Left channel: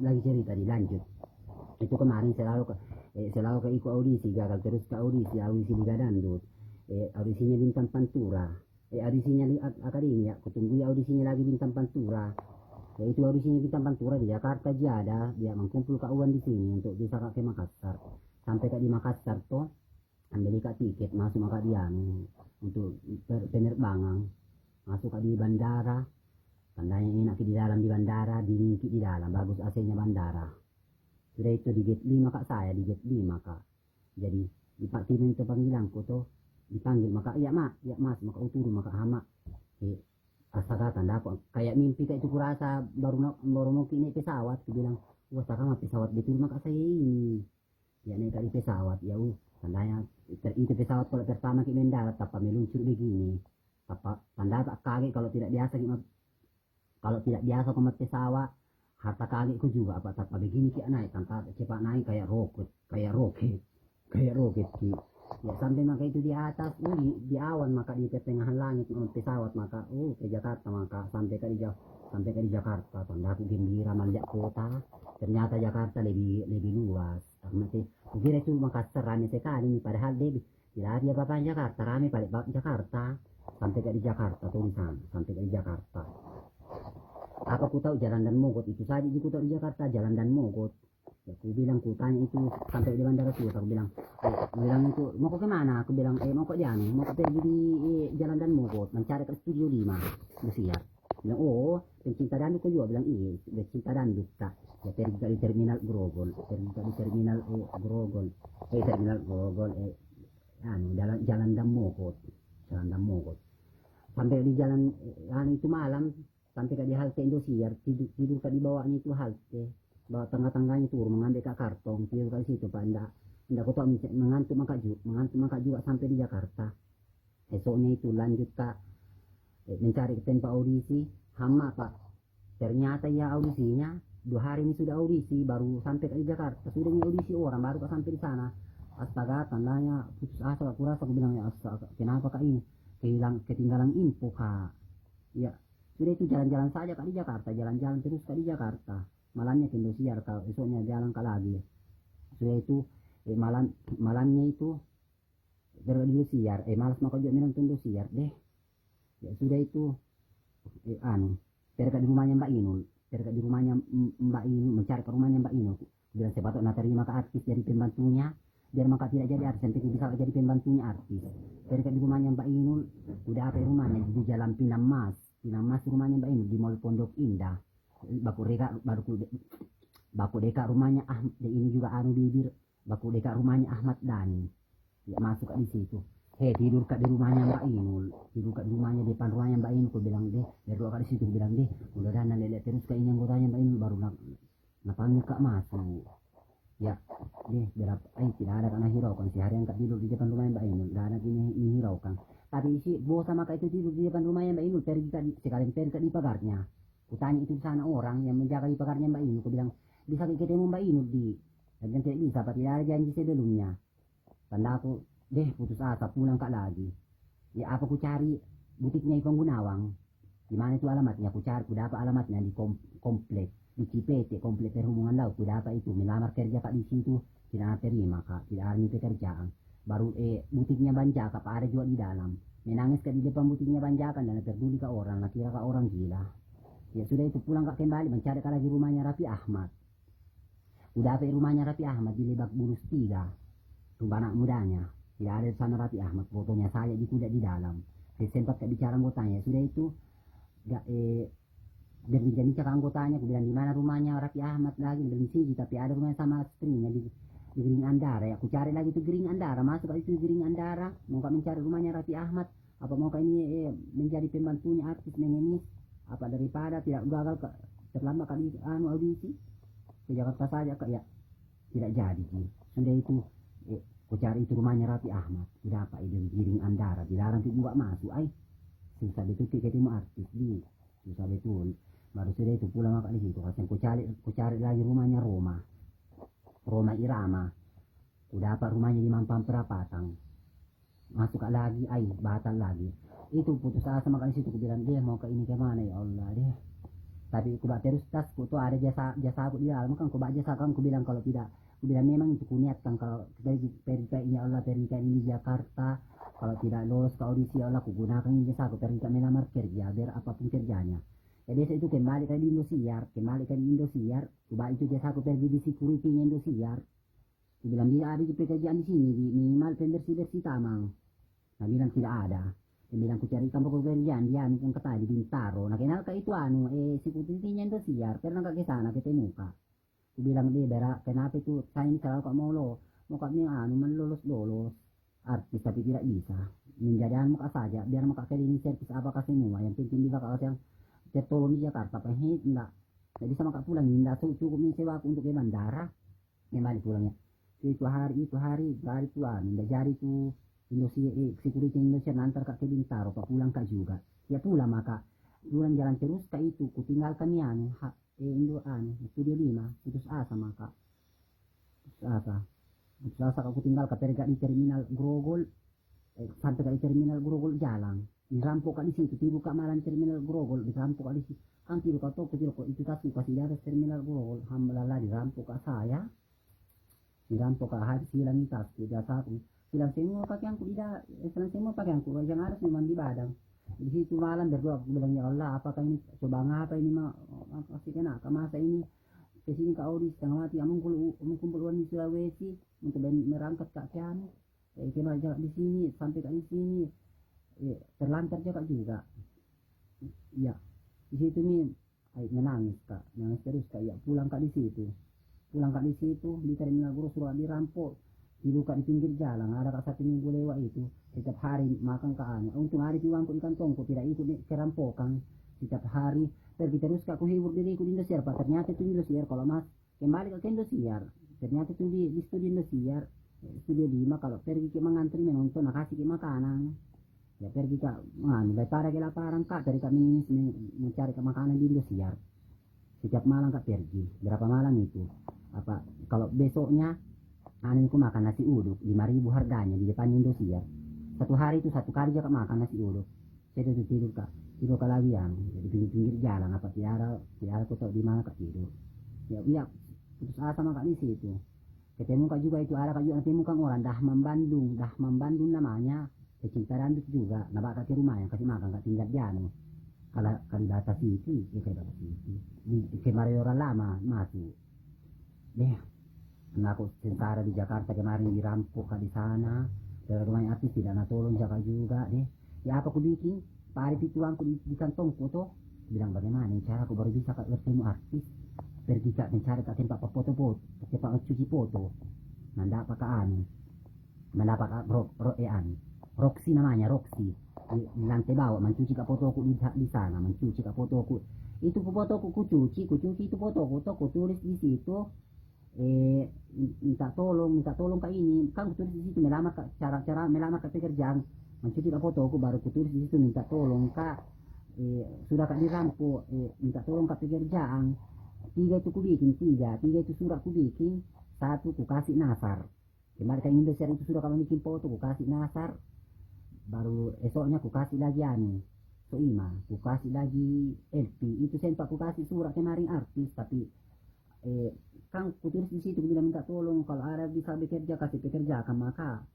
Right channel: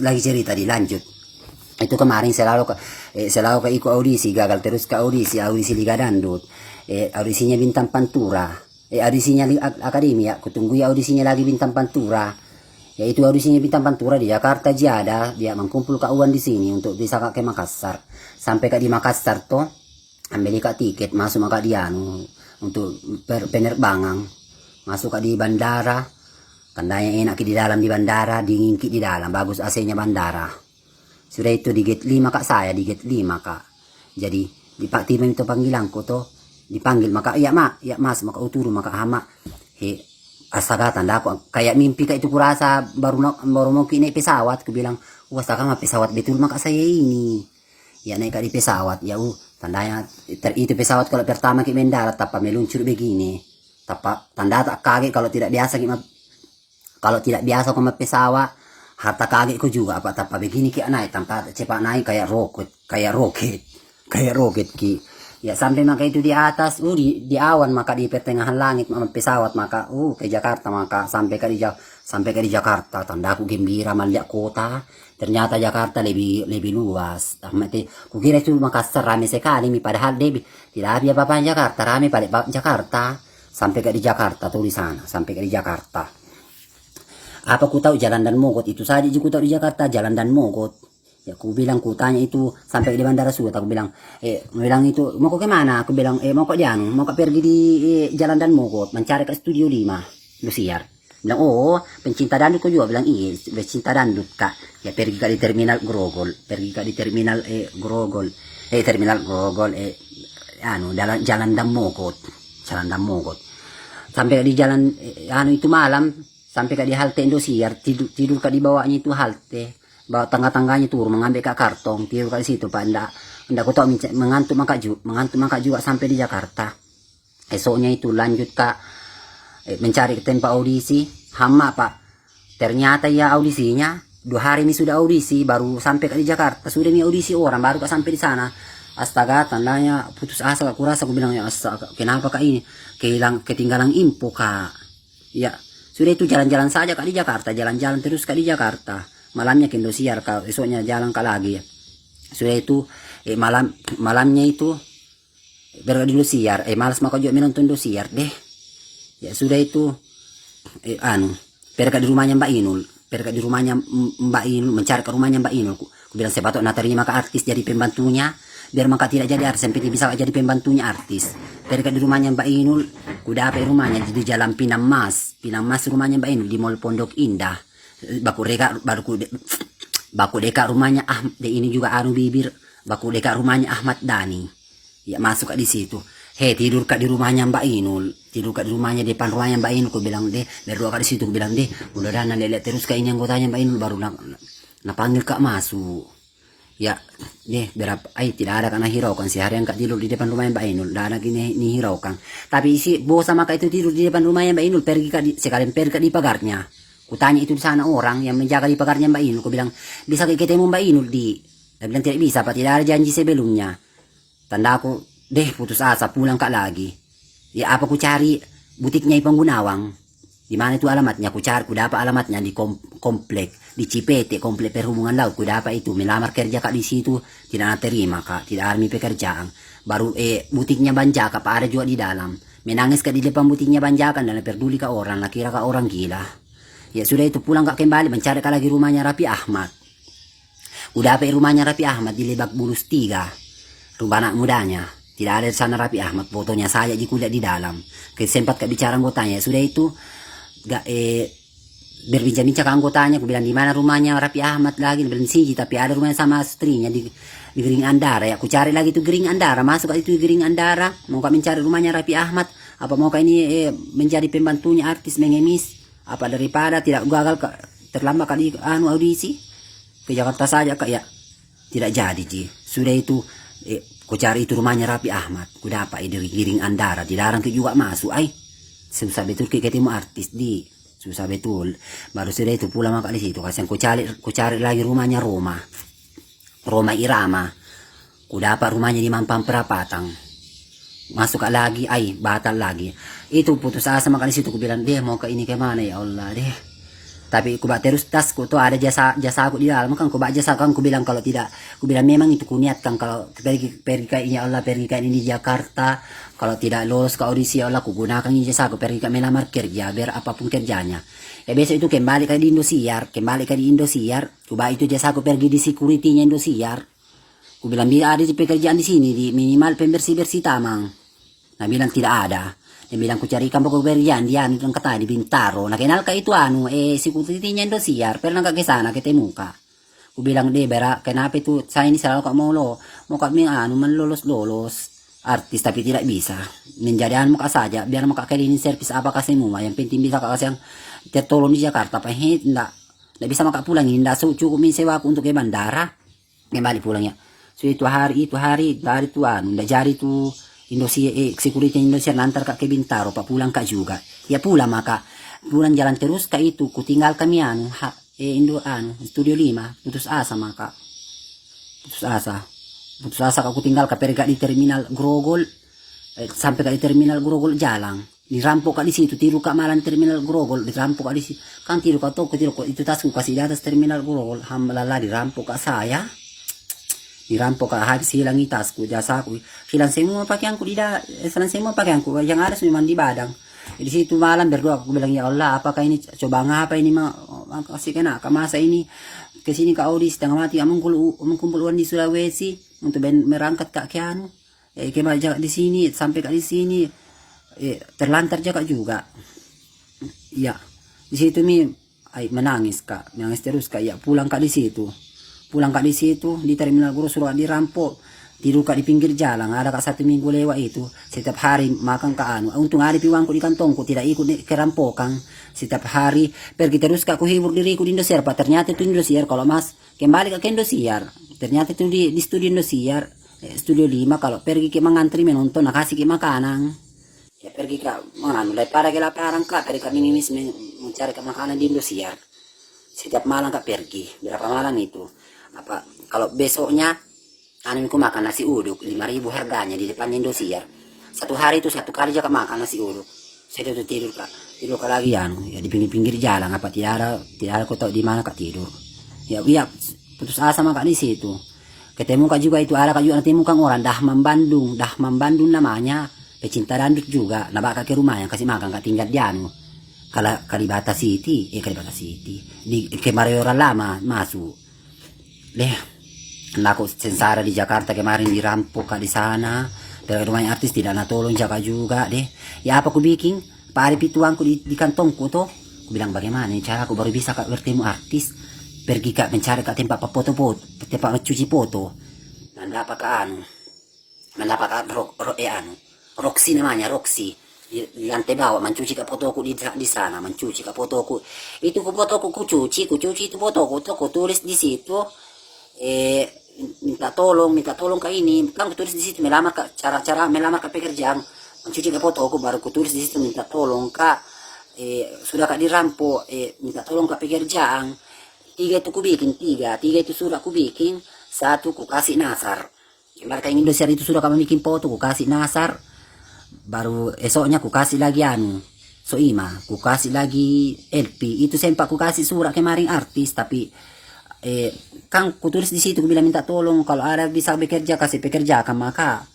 lagi cerita dilanjut. Itu kemarin selalu ke ikut audisi, gagal terus ke audisi Liga Dangdut. Audisinya Bintang Pantura. Audisinya Akademi ya, kutunggu ya audisinya lagi Bintang Pantura. Yaitu audisinya Bintang Pantura di Jakarta Jada, dia mengkumpul kawan di sini untuk bisa ke Makassar. Sampai ke di Makassar toh, ambil tiket masuk maka dia untuk penerbangan. Masuk ke di bandara, tandanya enak di dalam di bandara, dingin di dalam, bagus AC-nya bandara. Sudah itu di gate 5 kak, saya di gate 5 kak. Jadi di Pak Tim itu panggilanku toh, dipanggil maka ya mas maka uturu maka hama astaga tanda aku kayak mimpi kayak itu kurasa baru mau naik pesawat, aku bilang wah astaga mah pesawat betul maka saya ini ya naik di pesawat ya tandanya itu pesawat kalau pertama kita mendarat tanpa meluncur begini tanpa tanda tak kaget kalau tidak biasa sama pesawat harta kagetku juga apa tanpa begini kita naik tanpa cepat naik kayak roket ki ya sampai maka itu di atas di awan maka di pertengahan langit pesawat maka ke Jakarta maka sampai ke di Jakarta tandaku gembira melihat kota, ternyata Jakarta lebih luas. Kukira itu Makassar ramai sekali padahal tidak ada apa-apa Jakarta, ramai pada Jakarta. Sampai ke di Jakarta tuh di sana, sampai ke di Jakarta apa ku tahu Jalan Dan Mogot itu saja ku tahu di Jakarta Jalan Dan Mogot. Ya aku bilang, ku tanya itu sampai di bandara Suat, aku bilang itu mau ke mana, aku bilang mau ke Dianu, mau ke pergi di Jalan Dan Mogot mencari ke Studio 5 Lusiar. Bilang oh pencinta dandut, ku juga bilang iya pencinta dandut kak. Ya pergi ke di terminal Grogol, terminal Grogol Jalan Dan Mogot, sampai di jalan itu malam, sampai ke di halte Indosiar, tidur ke di bawahnya itu halte, bawa tangga-tangganya turun mengambil ke kartong, tidur ke situ pak. Ndak ku tahu mengantuk maka juga sampai di Jakarta. Esoknya itu lanjut ke mencari ke tempat audisi hama pak. Ternyata ya audisinya 2 hari ini sudah audisi, baru sampai ke di Jakarta sudah nih audisi orang, baru sampai di sana. Astaga tandanya putus asa, aku rasa, aku bilang ya astaga kenapa kak ini ketinggalan info kak. Ya sudah itu jalan-jalan saja kak di Jakarta, jalan-jalan terus kak di Jakarta. Malamnya ke Indosiar, esoknya jalan ke lagi ya. Sudah itu malamnya itu berada di Indosiar, malas maka juga menonton Indosiar deh. Ya sudah itu pergi di rumahnya Mbak Inul, mencari ke rumahnya Mbak Inul. Ku bilang saya patut terima ke artis jadi pembantunya, biar maka tidak jadi artis, sampai bisa jadi pembantunya artis. Pergi di rumahnya Mbak Inul, ku dapat rumahnya di Jalan Pinang Mas rumahnya Mbak Inul di Mall Pondok Indah. Baku deka rumahnya ini juga bibir, baku deka rumahnya Ahmad Dhani. Ya masuk di situ. Tidur kak di rumahnya Mbak Inul, tidur kak di rumahnya, depan rumahnya Mbak Inul. Ku bilang berdoa kak di situ, ku bilang mudah-mudahan lihat terus kak ini anggotanya Mbak Inul, baru panggil kak masuk. Ya berapa tidak ada karena hiraukan seharian kak tidur di depan rumahnya Mbak Inul, tidak ada gini hiraukan. Tapi si bos sama kak itu tidur di depan rumahnya Mbak Inul, sekalian pergi kak di pagarnya. Kutanya itu di sana orang yang menjaga di pagarnya Mbak Inul. Ku bilang bisa ketemu Mbak Inul dia bilang tidak bisa pak, tidak ada janji sebelumnya. Tanda aku putus asa, pulang kak lagi. Ya apa ku cari butiknya Ipang Gunawang, di mana itu alamatnya, ku cari, ku dapat alamatnya di komplek di Cipete, komplek perhubungan laut. Ku dapat itu, melamar kerja kak di situ, tidak terima kak, tidak ada pekerjaan. Baru butiknya Banjaka pak ada juga di dalam. Menangis kak di depan butiknya Banjaka dan peduli kak orang, kira kak orang gila. Ya sudah itu pulang kak kembali, mencari kak lagi rumahnya Raffi Ahmad. Udah apa rumahnya Raffi Ahmad di Lebak Bulus 3, rumah anak mudanya. Tidak ada di sana Raffi Ahmad, fotonya saya di kuliah di dalam. Sempat kak bicara anggotanya, sudah itu berbincang-bincang ke anggotanya. Aku bilang di mana rumahnya Raffi Ahmad lagi, bilang sini tapi ada rumahnya sama istrinya di Gering Andara. Ya aku cari lagi itu Gering Andara, masuk itu Gering Andara, mau kak mencari rumahnya Raffi Ahmad. Apa mau kak ini menjadi pembantunya artis mengemis, apa daripada tidak gagal terlambat kali audisi ke Jakarta saja kak. Ya tidak jadi ji. Sudah itu ku cari itu rumahnya Raffi Ahmad, ku dapat di Giring Andara, dilarang juga masuk. Susah betul ketemu artis di, susah betul. Baru sudah itu pulang maka di situ, kasih ku cari lagi rumahnya Roma Irama, ku dapat rumahnya di Mampang Perapatan. Masuk lagi, batal lagi. Itu putus asa maka di situ, ku bilang mau ke ini ke mana ya Allah Tapi ku terus tas ku tuh ada jasa aku di dalam kan ku jasa kan ku bilang kalau tidak, ku bilang memang itu ku niatkan kalau pergi ke ini ya Allah, pergi ke ini di Jakarta, kalau tidak lolos ke audisi ya Allah ku gunakan ini jasa aku pergi ke melamar kerja biar apapun kerjanya. Ya besok itu kembali ke di Indosiar, kembali ke di Indosiar, ku itu jasa aku pergi di security-nya Indosiar. Ku bilang bila ada pekerjaan di sini di minimal pembersih-bersih tamang. Nah bilang tidak ada. Dia bilang ku carikan pekerjaan di anu yang kata di Bintaro. Nah kenal ka itu anu security-nya Indosiar. Pernah ka kesana ketemu ka. Ku bilang deh bera kenapa itu saya ini selalu kak mau kami anu lolos artis tapi tidak bisa. Menjadi anu muka saja biar muka cleaning service apa kasih semua. Yang penting bisa kasih yang tertolong di Jakarta. Tidak bisa maka pulang ini. Tidak cukup sewa aku untuk ke bandara. Kembali pulangnya. So itu hari dari itu anu. Tidak jadi itu Indosiar, security Indosiar nantar kak ke Bintaro, pak pulang kak juga. Ya pulang maka pulang jalan terus kak itu, ku tinggal kami anu, Studio 5, putus asa maka. Putus asa kak ku tinggal kak pergi di terminal Grogol, sampai kak di terminal Grogol jalan. Dirampok kak di situ, tiru kak malam terminal Grogol, dirampok kak di situ. Kan tiru kak toko, itu tasku kasih di atas terminal Grogol, hambalala dirampok kak saya. Dirampok habis hilang tasku jasaku hilang semua pakaianku hilang semua pakaianku yang ada memang di badang di situ malam berdoa aku bilang ya Allah apakah ini coba ngapa ini kasih kena ke masa ini kesini ke audisi setengah mati mengumpul uang di Sulawesi untuk merangkat kak kianu kembali jaga di sini sampai kak di sini terlantar jaga juga ya di situ menangis terus kak ya pulang kak di situ di terminal Guru suruh dirampok tidur kak di pinggir jalan ada kak 1 minggu lewat itu setiap hari makan ke anu untung ada piwangku di kantongku tidak ikut kerampokan setiap hari pergi terus kak ku hibur diriku di Indosiar pak ternyata itu Indosiar kalau mas kembali ke Indosiar ternyata itu di studio Indosiar studio 5 kalau pergi ke mengantri menonton nah kasih ke makanan ya pergi ke anu daripada ke laparan kak pergi ke minimis mencari ke makanan di Indosiar setiap malam kak pergi berapa malam itu apa kalau besoknya anu aku makan nasi uduk 5.000 harganya di depan Indosiar satu hari itu 1 kali aja makan nasi uduk saya tuh tidur kak lagi anu ya di pinggir jalan apa tidak ada kau tahu di mana kak tidur ya putus asa maka di situ ketemu kak juga itu ada kak juga ketemu kang orang Dahman Bandung namanya pecinta dandut juga nah bakal ke rumahnya kasih makan kak tinggal di anu Kalibata City di Kemayoran lama masuk aku sengsara di Jakarta kemarin dirampok di sana dari rumahnya artis tidak tolong jaga juga deh ya apa ku bikin pari pituangku di kantongku tuh ku bilang bagaimana cara aku baru bisa kak bertemu artis pergi kak mencari kak tempat foto-foto tempat mencuci foto nanda apa kak anu mendapat Roxy namanya Roxy di lantai bawah mencuci kak fotoku di sana mencuci kak fotoku itu fotoku ku cuci itu fotoku tuh ku tulis di situ minta tolong kak ini kan kutulis di situ melamar kak cara melamar kak pekerjaan mencuci kak fotoku baru kutulis di situ minta tolong kak sudah kak dirampok minta tolong kak pekerjaan 3 itu ku bikin 3 itu sudah ku bikin 1 ku kasih Nasar kemarin kak Indosiar itu sudah kami bikin foto ku kasih Nasar baru esoknya ku kasih lagi Soima ku kasih lagi LP itu sempat ku kasih surat kemarin artis tapi kan ku tulis di situ ku bilang minta tolong kalau ada bisa bekerja kasih pekerjakan maka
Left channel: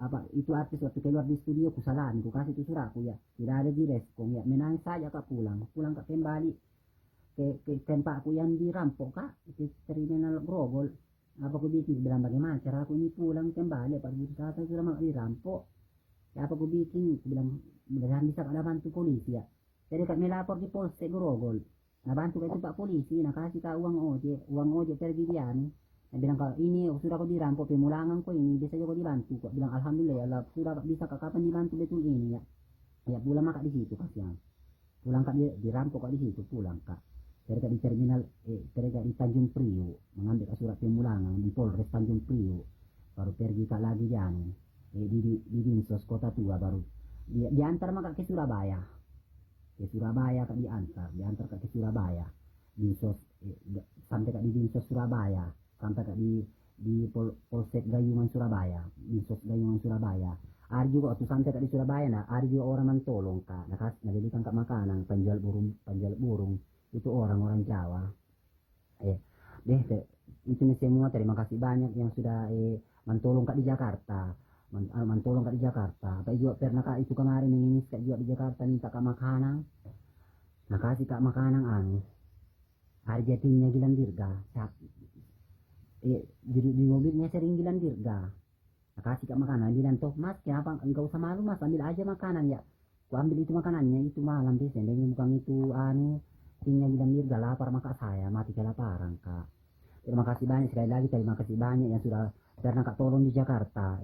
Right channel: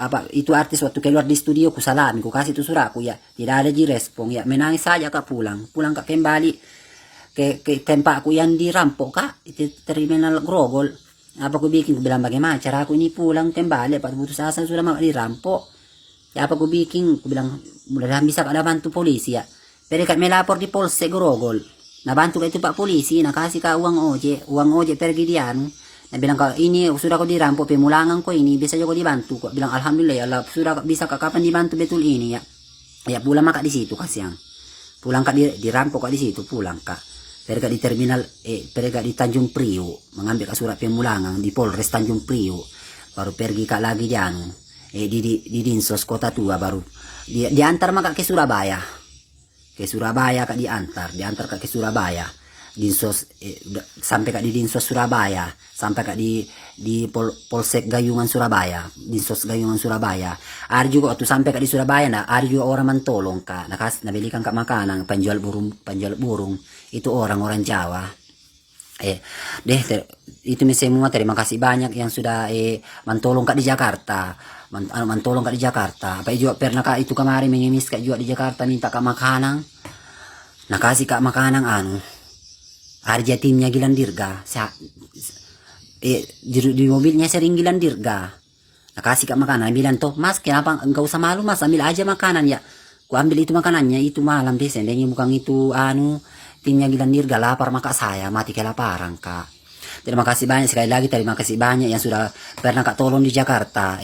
apa itu artis waktu keluar di studio ku salami ku kasih itu suratku ya tidak ada respon ya menangis saja kak pulang kak kembali ke tempatku yang dirampok kak itu terminal Grogol apa ku bikin ku bilang bagaimana cara aku ini pulang kembali pas putus asa sudah mau dirampok ya apa ku bikin ku bilang mudah-mudahan bisa ada bantu polisi ya jadi kak melapor di Polsek Grogol nabantu ka itu pak polisi nakasih ka uang oje pergi dian nah bilang kalau ini sudah kau dirampok pemulangan ko ini bisa juga dibantu kok bilang alhamdulillah ya Allah sudah bisa kak kapan dibantu betul ini ya pulang maka di situ kasihan pulang kak dirampok kak di situ pulang kak pergi di terminal pergi di Tanjung Priok mengambil kak surat pemulangan di Polres Tanjung Priok baru pergi kak lagi di Dinsos Kota Tua baru diantar maka ke Surabaya kak diantar kak ke Surabaya sampai kak di Dinsos Surabaya, sampai kak di Polsek Gayungan Surabaya, Dinsos Gayungan Surabaya. Ada juga waktu sampai kak di Surabaya, nah ada juga orang mentolong kak, nabelikan kak makanan, penjual burung itu orang Jawa. Itu semua terima kasih banyak yang sudah mentolong kak di Jakarta, mentolong kak di Jakarta. Apa juga pernah kak itu kemarin mengemis kak juga di Jakarta minta kak makanan, nah kasih kak makanan harga timnya Gilang Dirga. Di mobilnya sering Gilang Dirga. Nah, kasih kak makanan. Bilang toh, mas kenapa enggak usah malu mas, ambil aja makanan ya. Ku ambil itu makanannya, itu malam deh. Seandainya bukan itu timnya Gilang Dirga lapar maka saya mati kelaparan kak. Terima kasih banyak sekali lagi, terima kasih banyak yang sudah pernah kak tolong di Jakarta.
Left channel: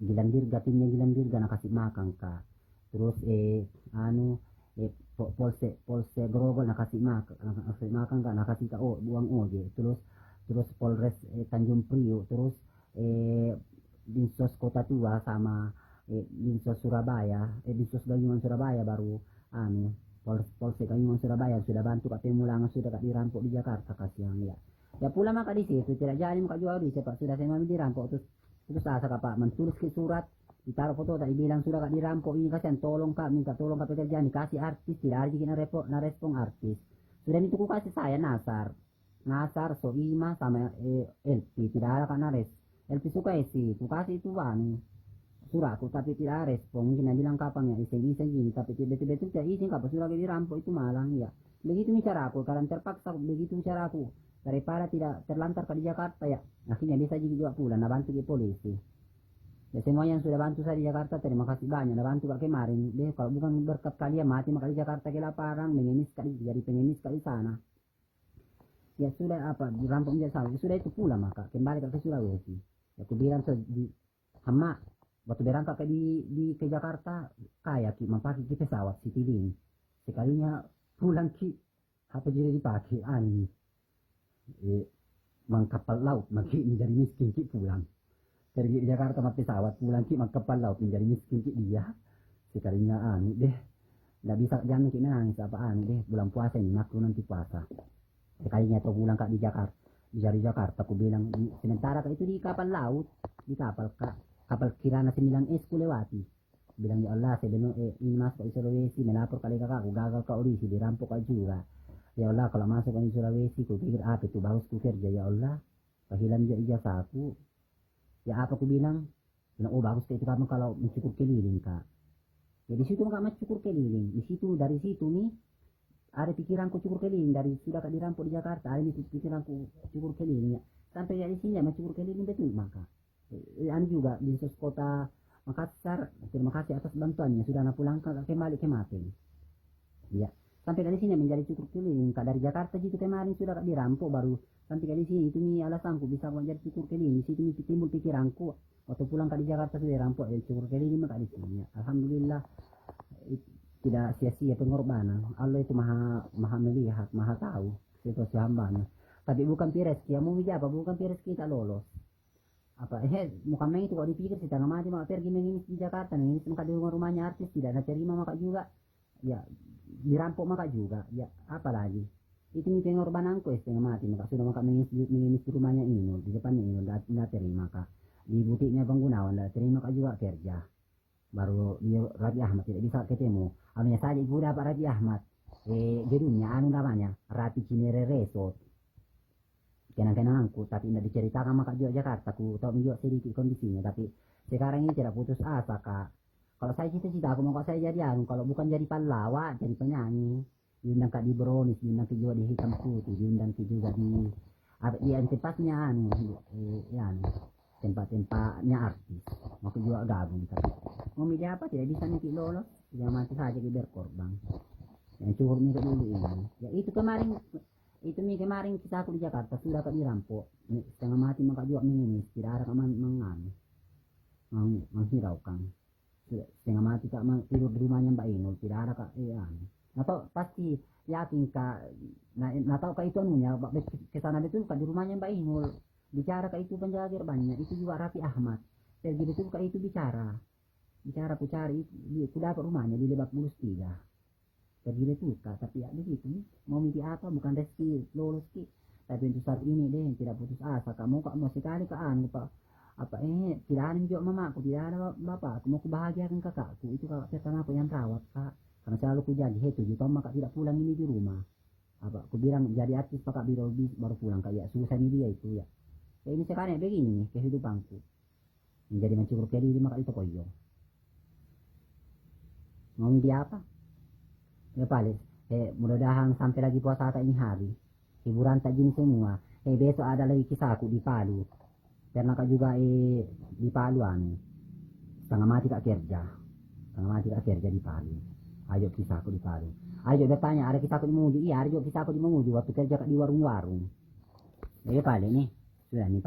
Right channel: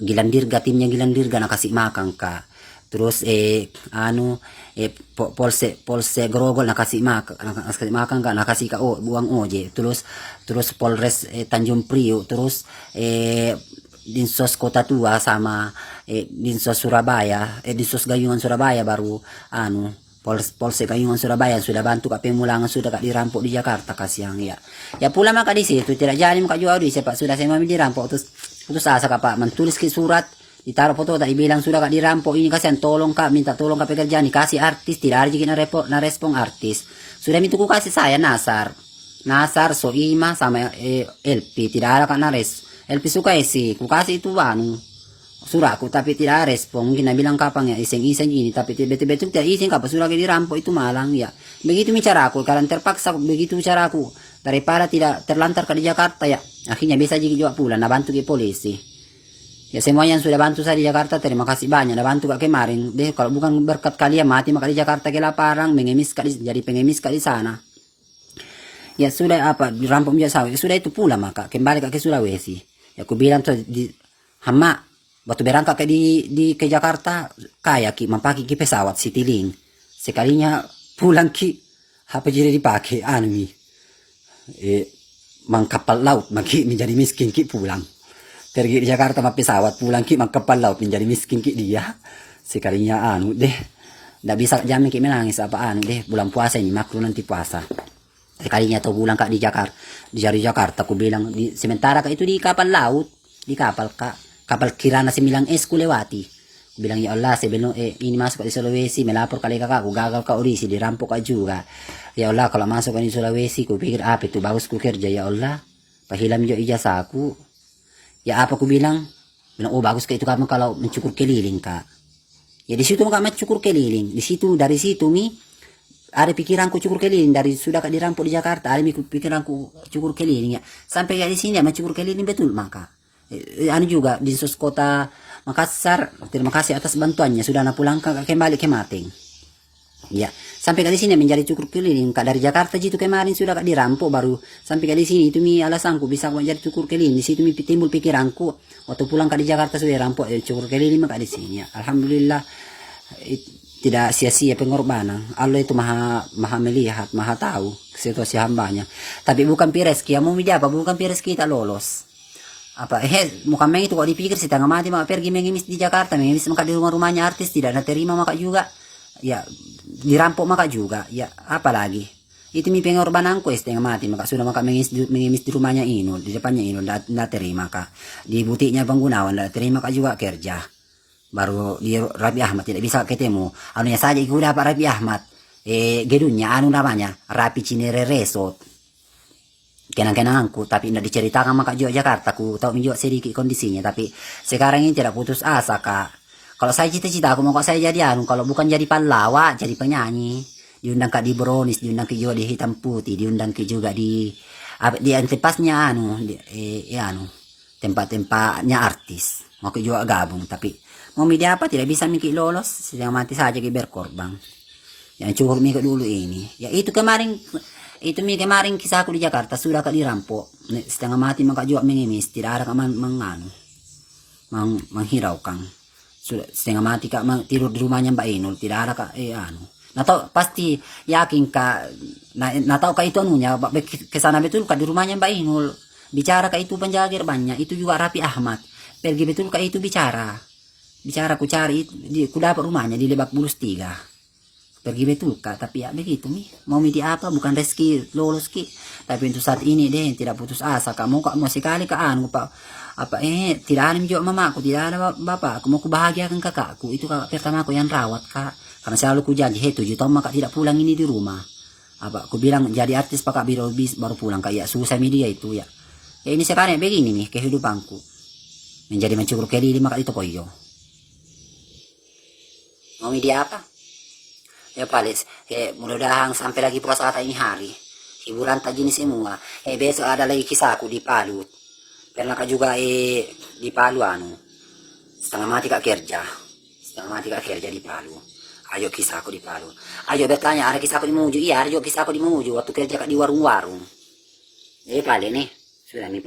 Gilang Dirga, timnya Gilang Dirga nak kasih makan kak. Terus Polsek Grogol nakasih makan kak, nakasih kak buang oje. Terus Polres Tanjung Priok, terus Dinsos Kota Tua sama Dinsos Surabaya, Dinsos Gayungan Surabaya baru Polsek Gayungan Surabaya sudah bantu kak pemulangan, sudah kak dirampok di Jakarta kasihan ya. Ya pulang maka di situ tidak jadi maka jual di sepak sudah saya dirampok terus putus asa kak pak mentulis ke surat, ditaruh foto tak dibilang sudah kak dirampok ini kasihan tolong kak, minta tolong kak pekerjaan dikasih artis, tidak ada juga na respon artis. Sudah minta ku kasih saya Nasar Soima sama LP tidak ada kak nares. LP suka isi ku kasih itu suratku tapi tidak ada respon, mungkin bilang kapan ya iseng-iseng ini tapi betul-betul tidak iseng kak sudah dirampok itu malang ya. Begitu bicara aku karena terpaksa begitu bicara aku daripada tidak terlantar kak di Jakarta ya, akhirnya bisa juga pulang, nah bantu ke polisi. Ya semua yang sudah bantu saya di Jakarta terima kasih banyak, udah bantu kak kemarin. Deh kalau bukan berkat kalian mati maka di Jakarta kelaparan, jadi pengemis kak di sana. Ya sudah dirampok biasa, sudah itu pula maka kembali kak ke Sulawesi. Ya aku bilang tuh hama waktu berangkat ke Jakarta kayak ki mempaki ki pesawat Citylink. Sekalinya pulang ki apa jadi dipakai mang kapal laut maki menjadi miskin ki pulang. Pergi di Jakarta sama pesawat pulang ki mang kapal laut menjadi miskin ki dia. Sekalinya ndak bisa jamin ki menangis deh bulan puasa ini makro nanti puasa. Sekalinya tuh pulang kak di Jakarta aku bilang sementara kak itu di kapal laut, di kapal Kirana Similang ku lewati. Bilang ya Allah sebelum ini masuk di Sulawesi melapor kali kakak aku gagal kak orisi dirampok kak juga. Ya Allah kalau masuk di Sulawesi ku pikir apa itu bagus ku kerja ya Allah pahilam jo ijazah aku. Ya apa ku bilang oh bagus kak itu kamu kalau mencukur keliling kak. Ya di situ kak mencukur keliling, dari situ ada pikiranku cukur keliling dari sudah kak dirampok di Jakarta, ada pikiranku cukur keliling ya sampai di sini ya mencukur keliling betul maka. Juga di Dinsos Kota Makassar terima kasih atas bantuannya sudah napulangkan kembali ke Mating ya sampai ke sini menjadi cukur keliling kak dari Jakarta jitu kemarin sudah kak dirampok baru sampai ke sini itu alasanku bisa menjadi cukur keliling di situ timbul pikiranku waktu pulang kak di Jakarta sudah dirampok cukur keliling maka di sini ya alhamdulillah tidak sia-sia pengorbanan. Allah itu maha melihat, maha tahu situasi hambanya. Tapi bukan rezeki yang mau menjawab, bukan rezeki kita lolos. Muka itu kok dipikir setengah mati maka pergi mengemis di Jakarta, mengemis maka di rumah-rumahnya artis tidak terima maka juga ya dirampok maka juga ya apalagi itu pengorbananku setengah mati maka sudah maka mengemis di rumahnya Inul, di depannya Inul tidak terima kak, di butiknya Penggunawan tidak terima kak juga kerja. Baru di Raffi Ahmad tidak bisa ketemu anunya saja ikut dapat Raffi Ahmad gedungnya namanya Raffi Cinere Resort kenang-kenanganku tapi tidak diceritakan maka juga Jakarta ku tahu menjual sedikit kondisinya tapi sekarang ini tidak putus asa kak. Kalau saya cita-cita aku mau kok saya jadi kalau bukan jadi pahlawan jadi penyanyi, diundang kak di Bronis, diundang ke juga di Hitam Putih, diundang ke juga di antepasnya tempat-tempatnya artis mau ke juga gabung tapi mau media apa tidak bisa mikir lolos sedang mati saja ke berkorban yang cukup mikir dulu ini ya itu kemarin kisahku di Jakarta sudah kak dirampok setengah mati maka juga mengemis tidak ada menghiraukan sudah setengah mati kak tidur di rumahnya Mbak Inul tidak ada kak pasti yakin kak tahu kak itu kesana betul kak di rumahnya Mbak Inul bicara kak itu penjaga gerbangnya itu juga Raffi Ahmad pergi betul kak itu bicara ku cari ku dapat rumahnya di Lebak Bulus 3 pergi betul kak, tapi ya begitu mi, mau di apa, bukan rezeki lolos ki, tapi untuk saat ini deh tidak putus asa kak, mau sekali kak anu pak, apa tidak ada juga mamaku, tidak ada bapak, aku mau kubahagiakan kakakku, itu kakak pertama aku yang rawat kak, karena selalu ku janji 7 tahun kak tidak pulang ini di rumah, apa aku bilang jadi artis pak kak baru pulang kak, ya susah media itu ya, ya ini sekarang begini nih kehidupanku, menjadi mencuruk diri maka itu koyo, mau media apa? Ya paling mudah-mudahan sampai lagi puasa kata ini hari hiburan tak gini semua, besok ada lagi kisahku di Palu, pernah kak juga di Palu anu setengah mati kak kerja di Palu, ayo kisahku di Palu, ayo bertanya ada kisahku di Mamuju, iya ada juga kisahku di Mamuju waktu kerja kak di warung-warung, paling nih sudah nih